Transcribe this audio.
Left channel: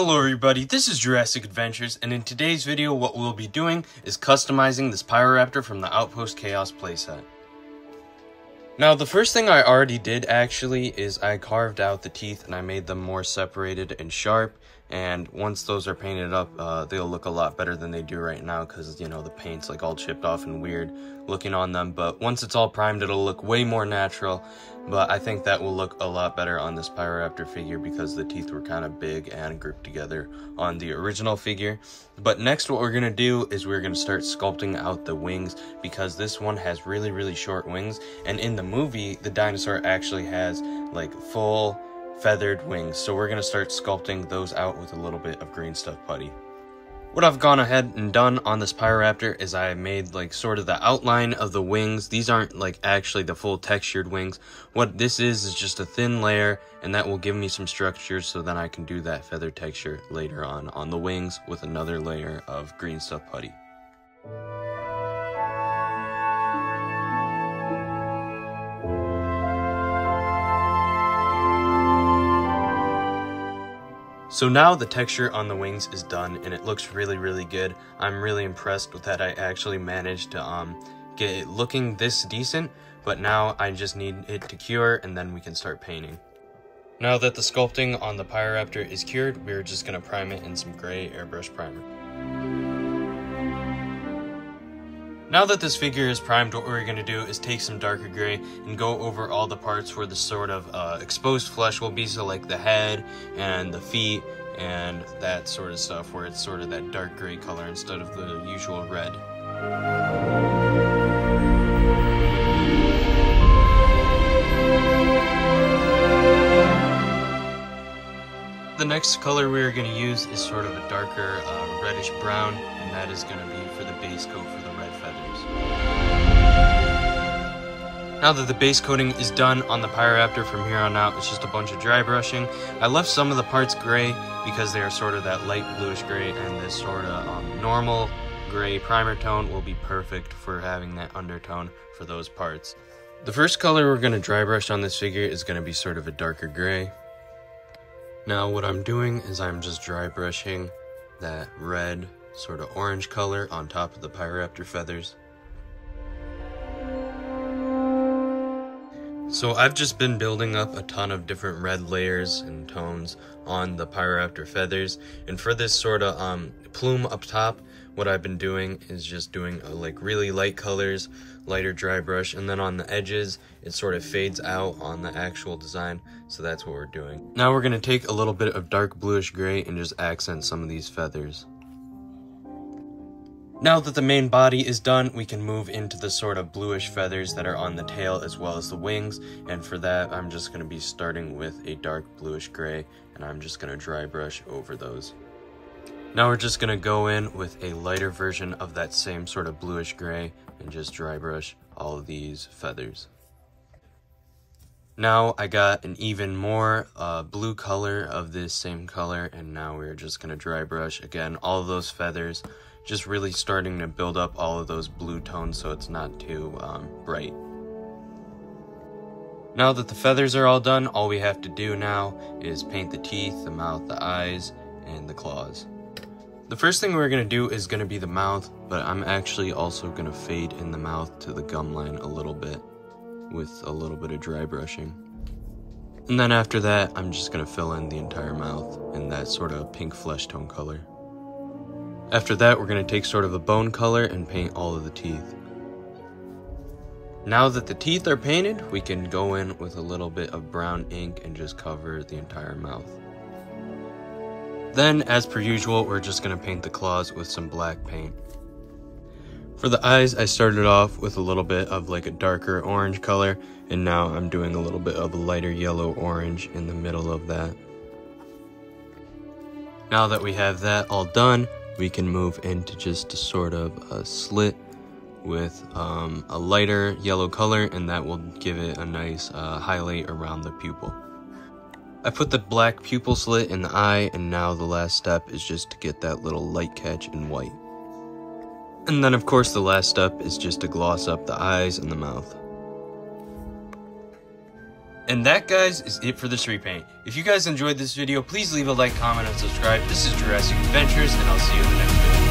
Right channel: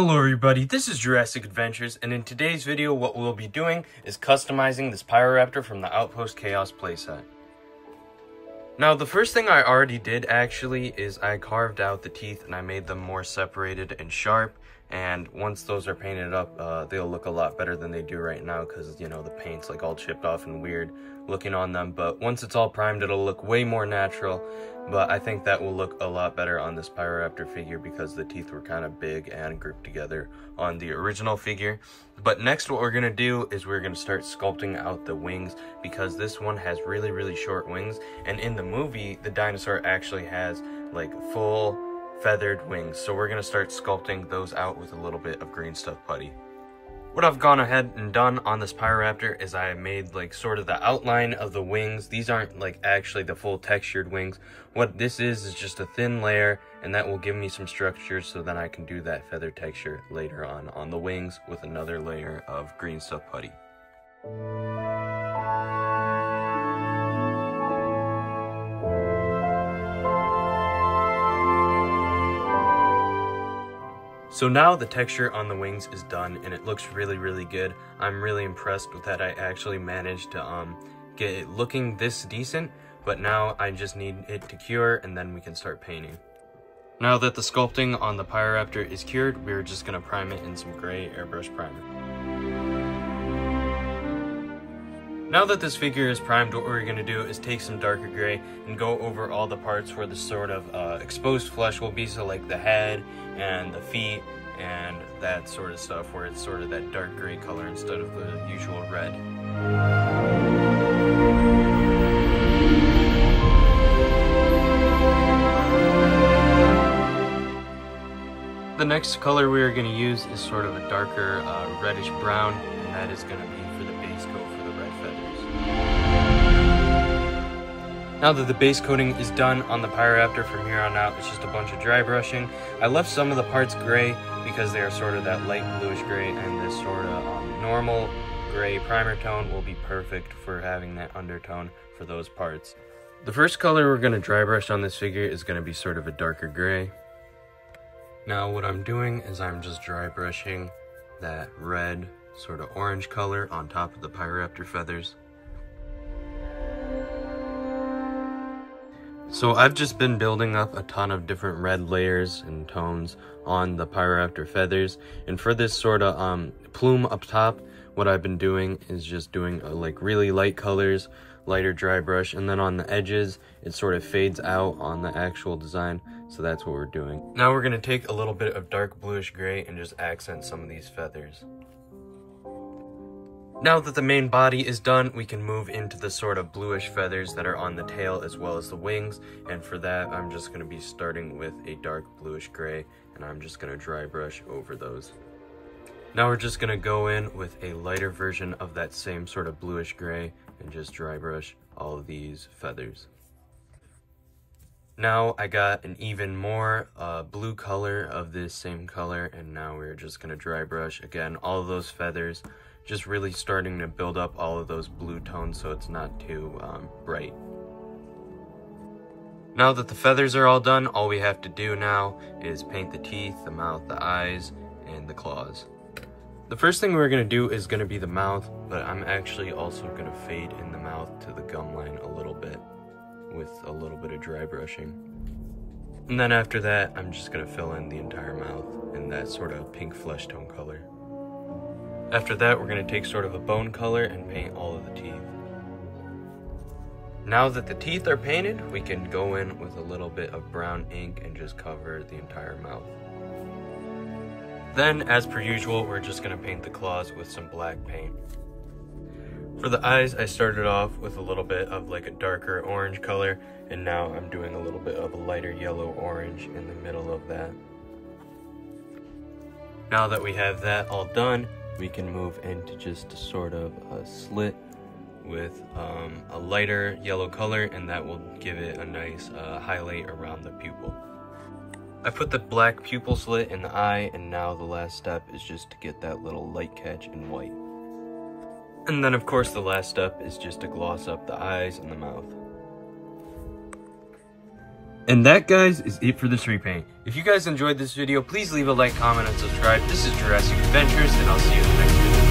Hello everybody, this is Jurassic Adventures, and in today's video what we'll be doing is customizing this Pyroraptor from the Outpost Chaos Playset. Now the first thing I already did actually is I carved out the teeth and I made them more separated and sharp, and once those are painted up they'll look a lot better than they do right now because, you know, the paint's like all chipped off and weird looking on them. But once it's all primed it'll look way more natural. But I think that will look a lot better on this Pyroraptor figure because the teeth were kind of big and grouped together on the original figure. But next what we're going to do is we're going to start sculpting out the wings because this one has really short wings. And in the movie, the dinosaur actually has like full feathered wings. So we're going to start sculpting those out with a little bit of green stuff putty. What I've gone ahead and done on this Pyroraptor is I made like sort of the outline of the wings. These aren't like actually the full textured wings. What this is just a thin layer, and that will give me some structure so then I can do that feather texture later on the wings with another layer of green stuff putty. So now the texture on the wings is done and it looks really good. I'm really impressed with that. I actually managed to get it looking this decent, but now I just need it to cure and then we can start painting. Now that the sculpting on the Pyroraptor is cured, we're just going to prime it in some gray airbrush primer. Now that this figure is primed, what we're going to do is take some darker gray and go over all the parts where the sort of exposed flesh will be, so like the head and the feet and that sort of stuff, where it's sort of that dark gray color instead of the usual red. The next color we're going to use is sort of a darker reddish brown, and that is going to be for the base coat for the red feathers. Now that the base coating is done on the Pyroraptor, from here on out it's just a bunch of dry brushing. I left some of the parts gray because they are sort of that light bluish gray, and this sort of normal gray primer tone will be perfect for having that undertone for those parts. The first color we're going to dry brush on this figure is going to be sort of a darker gray. Now what I'm doing is I'm just dry brushing that red sort of orange color on top of the Pyroraptor feathers. So I've just been building up a ton of different red layers and tones on the Pyroraptor feathers, and for this sort of plume up top, what I've been doing is just doing like really light colors, lighter dry brush, and then on the edges it sort of fades out on the actual design. So that's what we're doing. Now we're going to take a little bit of dark bluish gray and just accent some of these feathers. Now that the main body is done, we can move into the sort of bluish feathers that are on the tail as well as the wings, and for that I'm just going to be starting with a dark bluish gray, and I'm just going to dry brush over those. Now we're just going to go in with a lighter version of that same sort of bluish gray and just dry brush all of these feathers. Now I got an even more blue color of this same color, and now we're just going to dry brush again all of those feathers, just really starting to build up all of those blue tones so it's not too bright. Now that the feathers are all done, all we have to do now is paint the teeth, the mouth, the eyes, and the claws. The first thing we're going to do is going to be the mouth, but I'm actually also going to fade in the mouth to the gum line a little bit with a little bit of dry brushing. And then after that, I'm just going to fill in the entire mouth in that sort of pink flesh tone color. After that, we're going to take sort of a bone color and paint all of the teeth. Now that the teeth are painted, we can go in with a little bit of brown ink and just cover the entire mouth. Then, as per usual, we're just going to paint the claws with some black paint. For the eyes, I started off with a little bit of like a darker orange color, and now I'm doing a little bit of a lighter yellow orange in the middle of that. Now that we have that all done, we can move into just a sort of a slit with a lighter yellow color, and that will give it a nice highlight around the pupil. I put the black pupil slit in the eye, and now the last step is just to get that little light catch in white. And then of course the last step is just to gloss up the eyes and the mouth. And that, guys, is it for this repaint. If you guys enjoyed this video, please leave a like, comment, and subscribe. This is Jurassic Adventures, and I'll see you in the next video.